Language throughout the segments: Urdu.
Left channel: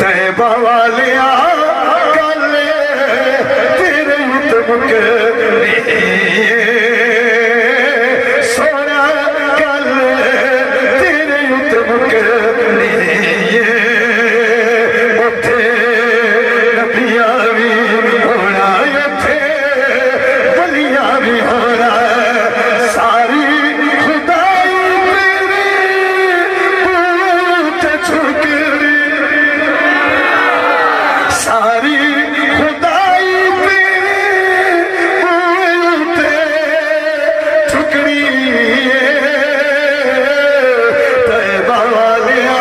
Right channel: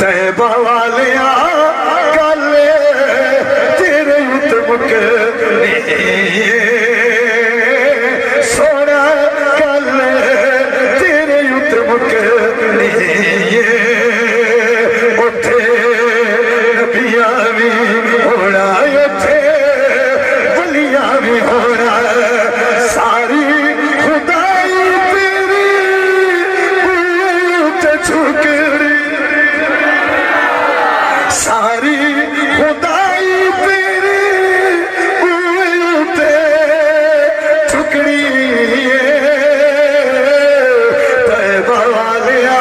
طیبہ والیا گلے تیرے اتم کے سونا گلے تیرے اتم کے اتھے نبیاں بھی ہونا اتھے ولیاں بھی ہونا ساری خدائی تیری بوت چھکڑی ساری خدائی تیری بوت چھکڑی طیبہ والیا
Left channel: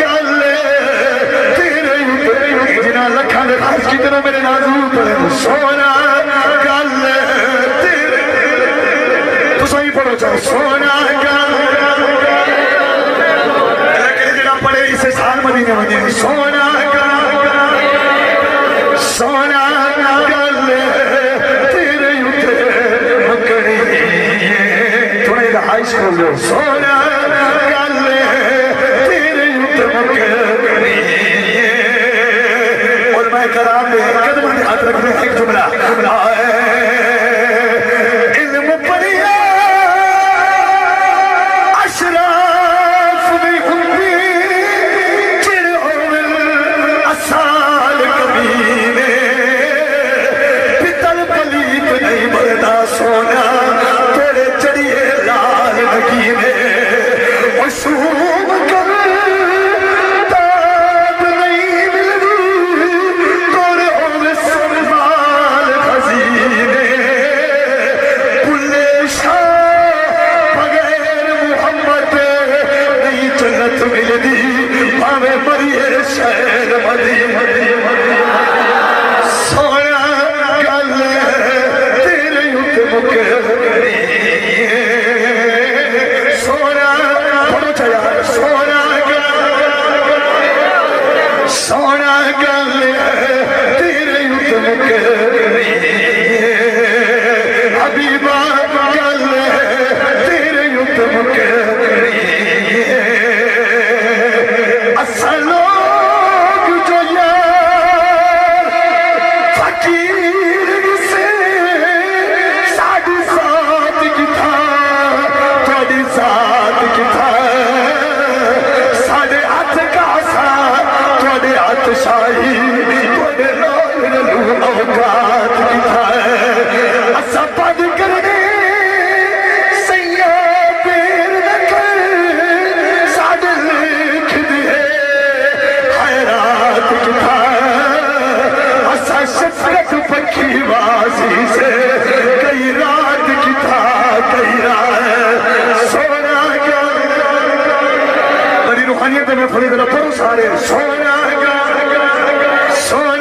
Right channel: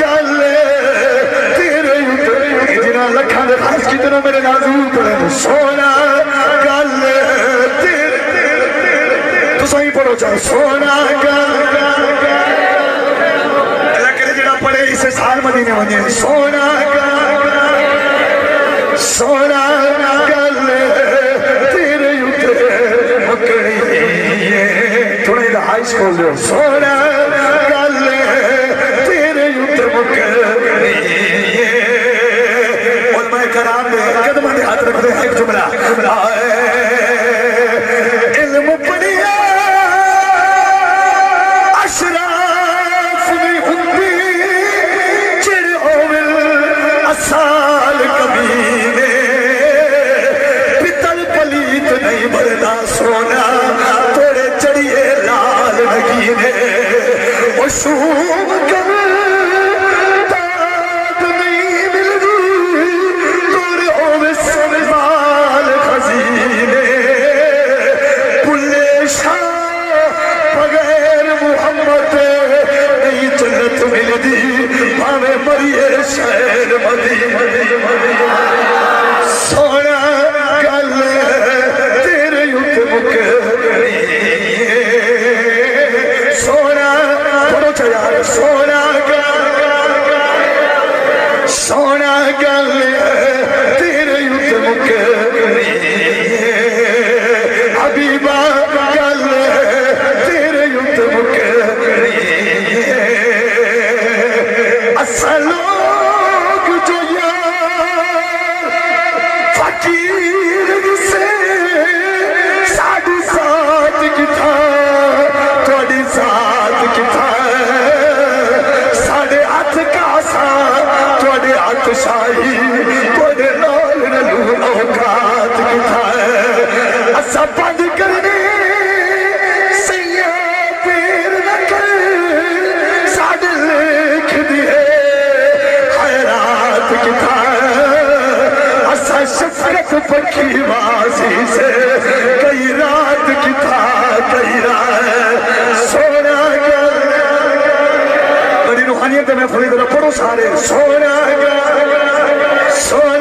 گلے تیرے جنہاں لکھاں دے خاص کی طرح میرے نازو پڑھے سونا گلے تیرے تو صحیح پڑھو چاہو سونا گلے لیکن جنہاں پڑھے اسے سال مدینے وجہ سونا سونا گلے تیرے اتھے مکڑی تھوڑا ہی دا ہائی سکول دے سونا گلے تیرے اتھے مکڑی علماء کرام نے قدموں نے ہاتھ رکھ دے ایک جملہ علم پڑھیا اشراف بھی ہوندی چڑ ہومل اسال کبیرے پتل پلیت نہیں بڑھنا سونا توڑے چڑیے لال نگینے مشہوم کبھی تاب نہیں ملدی توڑے ہومل سنبال خزینے پلے شاہ بغیر محمد نہیں جنت ملدی ہمیں مریے شہر مدینے سونا گلے تیرے اتم کے سونا پڑھو چلا سونا گلے سونا گلے تیرے اتم کے حبیبہ گلے تیرے اتم کے اصل لوگ جو یار فقیر سے ساڑھی ساتھ کی تھا توڑی ساتھ کی تھا ساڑھے ہاتھ کا ساتھ توڑی ہاتھ شاہی توڑی لال اوقات کی تھا اسا پڑھ کرنے سیاہ پیر رکھے ساڑھے لکھ دیئے خیرات کی تھا اسا شفقت پکی واضی سے کئی رات کی تھا کئی رات سونا گلے بڑی روحانیت میں فرید رکھو سارے سونا گلے سونا